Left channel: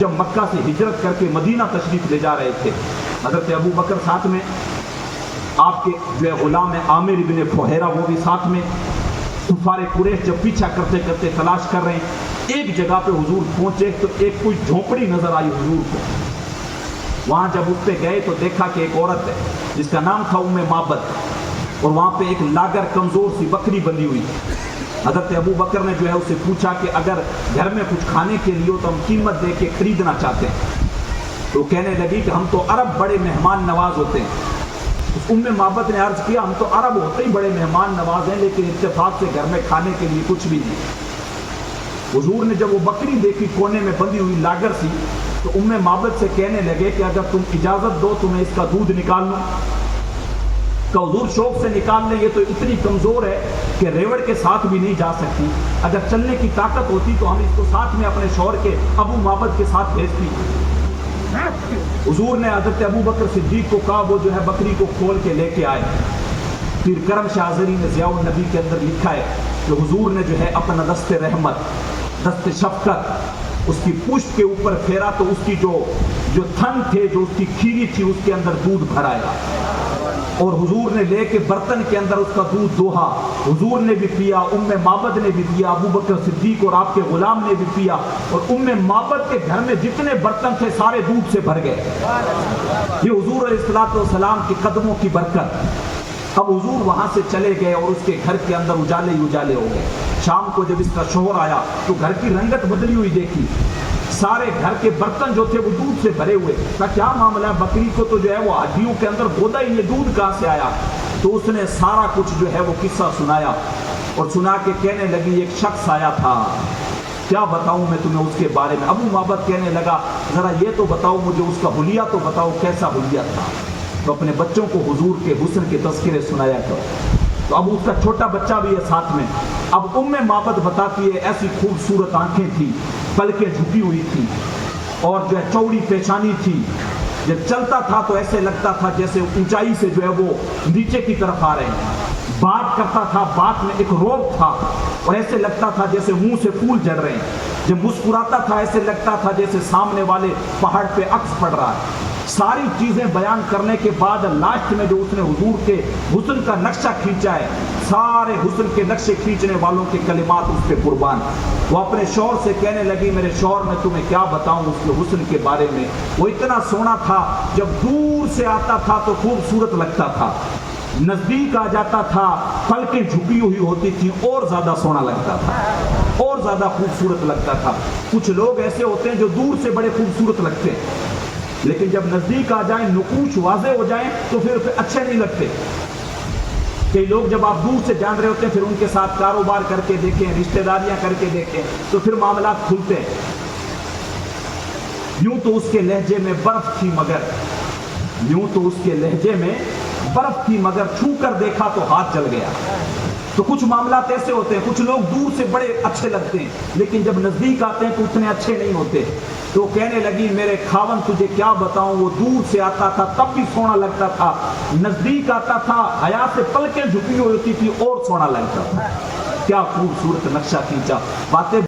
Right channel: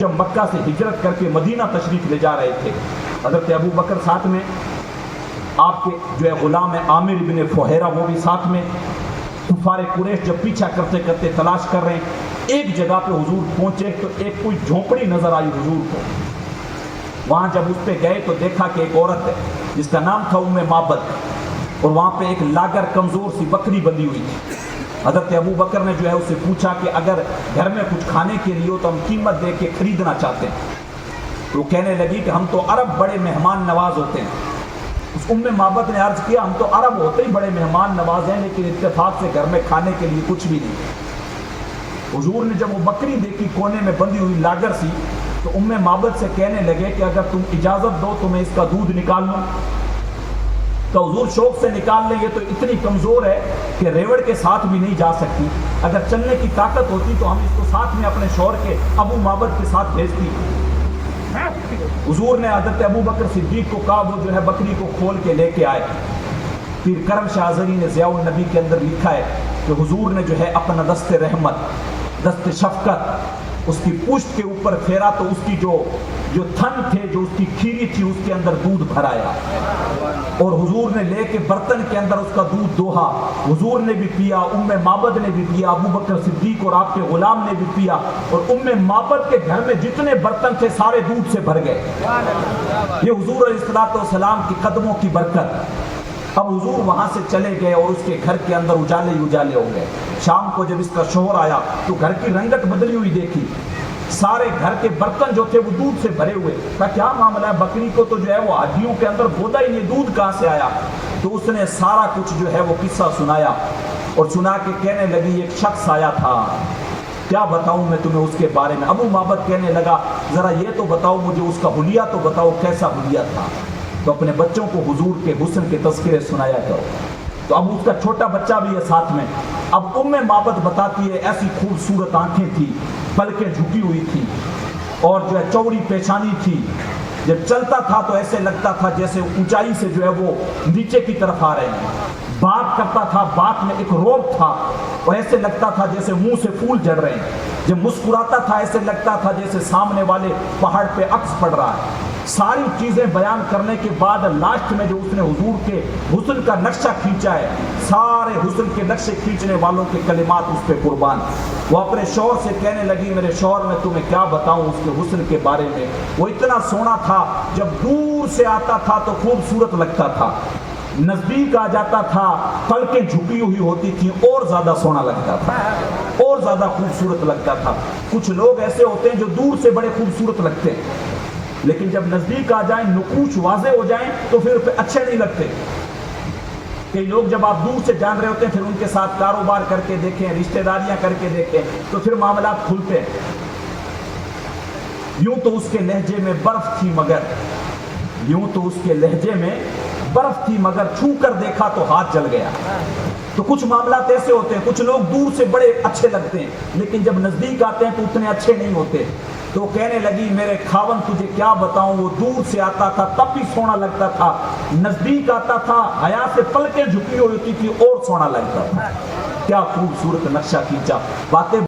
جب مکہ سے ہجرت کر کے مدینہ تشریف لے جا رہے تھے، حضرت ابو بکر ساتھ میں، آپ کے جو ہے غلام ہے عامر ابن فہیرہ وہ بھی ساتھ میں، کفار قریش جب پیچھا کرتے کرتے تلاش کر رہے ہیں، ایک جگہ پہ حضور پہنچے تو ایک کوئی جھونپڑی نظر آئی حضور کو۔ وہاں جب اس پہ گئے تو دیکھا کہ ایک عورت ہے جس کا نام تھا ام معبد، اور وہاں پہ ایک لاگر کمزور سی بکری بندھی ہوئی تھی۔ حضرت ابو بکر نے جو ہے اس سے پوچھا کہ اگر گھر میں کچھ کھانے کے لیے ہو تو ہم قیمت دے کے خریدنا چاہتے ہیں۔ تو کہنے لگی کہ ہم تو عرب بڑے مہمان نواز ہوتے ہیں۔ اس ام معبد نے عرض کیا ہم تو عرب ہوتے ہی بڑے مہمان نواز ہیں، لیکن اتفاق سے گھر میں کھانے کے لیے کچھ بھی نہیں۔ حضور نے جب وہ بکری دیکھی کونے میں بندھی ہوئی لاگر سی، تو ام معبد سے کہنے لگے کہ اگر تم اجازت دو تو میں اس کا دودھ نکال لوں۔ کہ حضور شوق سے نکال لیں، یہ تو اتنی کمزور ہے کہ ریوڑ کے ساتھ بھی نہیں جا سکتی، اگر چلنے کی طاقت ہوتی تو ہم اس کو ساتھ میں اپنے شوہر کے ابو معبد کے ساتھ بھیجتی۔ حضور نے حضرت ابو بکر صدیق کو کہا وہ جو ہے بکری کو کھول کے لے کے آئے۔ پھر کرم شاہ ازہری نے ضیاء النبی کے اندر لکھا ہے کہ حضور نے جو ہے اپنا دست رحمت، دست شفقت اس کی پشت کے اوپر پھیرا تو اس کی جو تھن تھے، جو اس کی کھیری تھی، اس کے اندر دودھ بھر آیا، اور حضور نے لے کے برتن کے اندر اس کا دودھ دوہا۔ حضور نے بھی پیا، ام معبد نے بھی پیا، ابو بکر صدیق اور آپ کے غلام نے بھی پیا، اور ام معبد کے گھر میں جتنے برتن تھے سارے دودھ سے بھر گئے۔ یہ حضور علیہ السلام کے قدموں کی برکت۔ اب حضور وہاں سے چلے گئے اور اس کے گھر کے اندر اجالے ہی اجالے ہو گئے۔ شام کو جب اس کا شوہر آیا تو گھر کی رنگت بدلی ہوئی دیکھی، سارے گھر کے برتن جو تھے وہ دودھ سے بھرے ہوئے۔ کہا کیا معاملہ ہے، بکری کو تو جو ہے وہ ہڈیوں کے اندر گودا ہی، یہ دودھ کہاں سے آیا؟ تو اس نے سارا کچھ جو ہے وہ قصہ سنایا، اور سنا کے کہنے لگی ایک شخص آیا تھا، کیا بتاؤں میں تمہیں اس کے بارے میں؟ ابو معبد کہنے لگا ذرا یہ تو بتاؤ مجھے، اس کا حلیہ تو بتاؤ، کیسا حلیہ تھا؟ تو اپنے بچوں کو حضور کے حسن کے تذکرے سنایا کرو۔ تو اب اس کا چھوٹا بچہ بھی ہے ساتھ میں۔ اب ام معبد بتاتی ہے ایسی خوبصورت آنکھیں تھی، پلکیں جھکی ہوئی تھی، اور جو ہے چوڑی پیشانی تھی، جب چلتا تھا تو ایسے لگتا تھا جیسے اونچائی سے جو ہے وہ نیچے کی طرف آ رہے ہیں۔ بات کرتا تھا، بات میں ایک روب تھا، اور ایسے لگتا تھا جیسے منہ سے پھول جھڑ رہے ہیں۔ جب مسکراتا تھا ایسے لگتا تھا جیسے سامنے والے پہاڑ پہ عکس پڑ رہا ہے۔ ساری چیزیں بیان کرنے کے بعد لاسٹ میں جو اس نے حضور کے حسن کا نقشہ کھینچا ہے، سارے حسن کے نقشے کھینچنے والوں کے کلمات اس پہ قربان۔ وہ اپنے شوہر سے کہنے لگی میرے شوہر میں تمہیں کیا بتاؤں اس کے حسن کے بارے میں، وہ اتنا سونا تھا، جب دور سے آتا تھا تو خوبصورت لگتا تھا، نزدیک آ جاتا تھا پلکیں جھکی ہوئی ہوتی تھی اور زیادہ سونا لگتا تھا، اور زیادہ خوبصورت لگتا تھا۔ کچھ لوگ ایسے ہوتے ہیں جو دور سے بڑے خوبصورت لگتے ہیں، لیکن جب نزدیک آ جائیں، نقوش واضح ہو جائیں تو پھر اچھے نہیں لگتے۔ کئی لوگ جب آپ دور سے جان رہے ہوتے ہیں، پھر ان کے ساتھ کاروبار کر کے دیکھیں، رشتہ داریاں کر کے دیکھیں، تو پھر معاملات کھلتے ہیں۔ یوں تو اس کے لہجے میں برف تھی مگر چھو کر دیکھا تو ہاتھ جل گیا۔ تو کچھ معاملات ایسے ہوتے ہیں، کچھ لوگ دور سے بڑے اچھے لگتے ہیں لیکن جب نزدیک آتے ہیں تو اتنے اچھے نہیں ہوتے۔ تو کہنے لگی میرے خاوند تجھے کیا بتاؤں، وہ دور سے آتا تھا تب بھی سونا لگتا تھا، نزدیک آتا تھا حیا سے پلکیں جھکی ہوئی ہوتی تھی اور سونا لگتا تھا۔ کیا خوبصورت نقشہ کھینچا۔ باتیں